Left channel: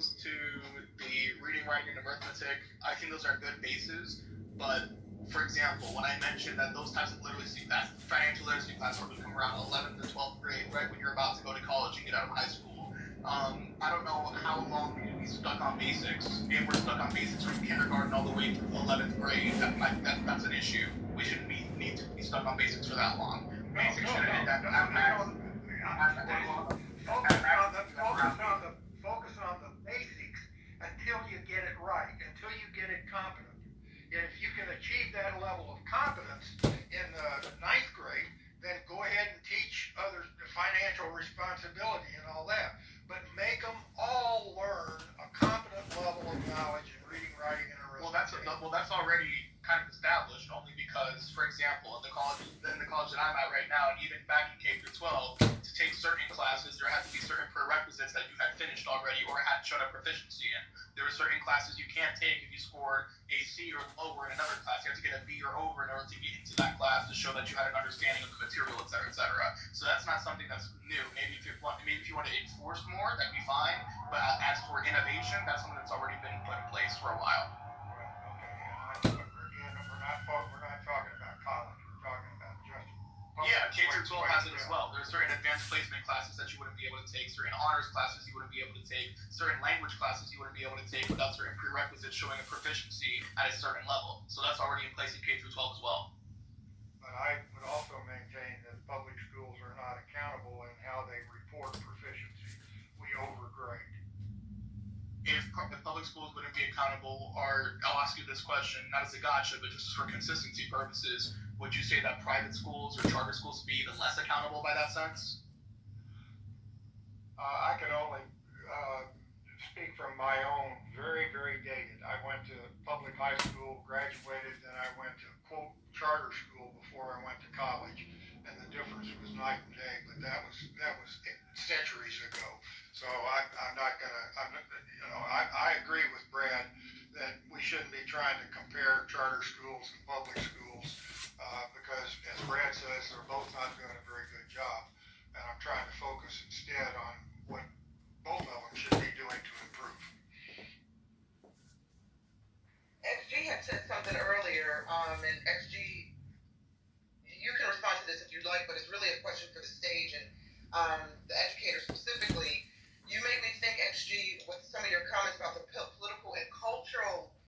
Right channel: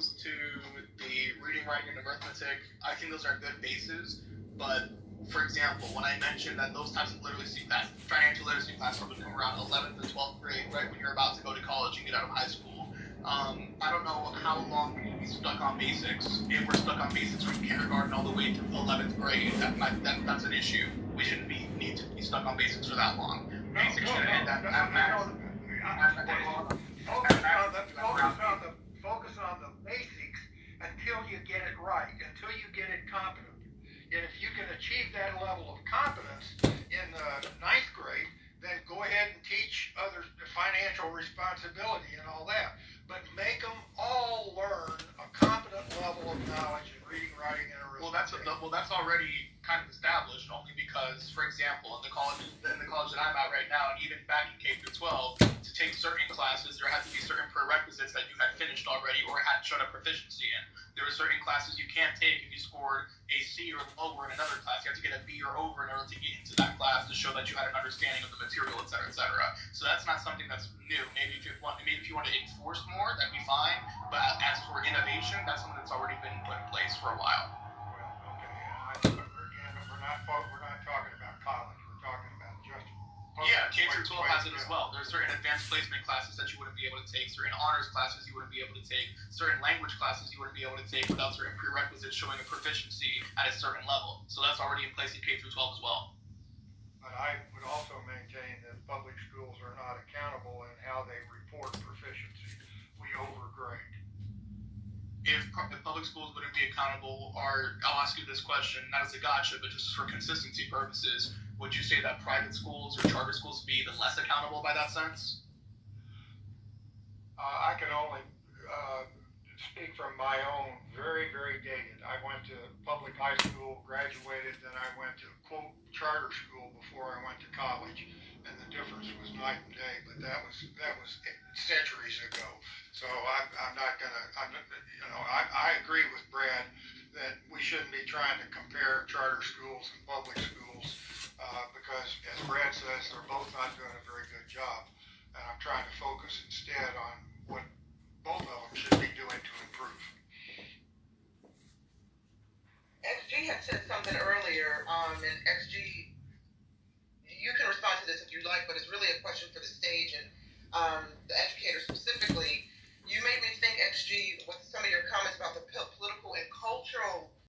comes to the reading, writing, and arithmetic, I think those are good bases. But for example, when I mentioned that those types of literacy class, financial literacy classes would come around 11th to 12th grade, right when you're about to go to college and get out of high school. I don't know how long we will be stuck on basics. If we're stuck on basics from kindergarten all the way to 11th grade, that's an issue. We shouldn't need to be stuck on basics for that long. Basics should end at max. Focus on the basics until you get it right, until you get it competent. And if you can achieve that level of competence in the ninth grade, then go ahead and teach others the financial responsibility and all that. But make them all learn a competent level of knowledge in reading, writing, and arithmetic. Well, that's already kind of established, only because, for example, in the college that I'm at right now, and even back in K through 12, to take certain classes, there had to be certain prerequisites that you had finished already or had shown a proficiency in. There were certain classes you can't take if you scored a C or lower in another class. You have to get a B or over in order to get into that class to show that you had an understanding of the material, et cetera, et cetera. So that's not something that's new. Maybe if you want to enforce more, that'd be fine. But as for innovation, that's something that's already been put in place for a while. Well, okay. We're not talking about college. We're talking about just. Yeah, K through 12 has it as well. There's certain advanced placement classes that you wouldn't be able to take, certain honors classes you wouldn't be able to take, certain language classes you wouldn't be able to take without certain prerequisites showing a proficiency at a certain level. So that's already in place in K through 12 as well. But I would also maintain that public schools are not accountable in how they report proficiency. We overgrade. If public schools wouldn't be accountable, or I'll ask you this question, not as a gotcha, but just for consistency purposes, would you say that private schools or charter schools would be even less accountable by that sense? I can only speak from my own, very, very dated. I went to public high school, graduated, then I went to, quote, charter school before I went to college, and the difference was night and day, but that was centuries ago. So I'm not gonna, I agree with Brad that we shouldn't be trying to compare charter schools and public schools because, as Brad says, they're both not doing a very good job. And I'm trying to focus instead on what both of them should be doing to improve. XG had said something earlier, and XG, you can respond to this if you'd like, but it's really a question for the stage and the educators specifically. You made me think, XG, with some of your comments about the political and cultural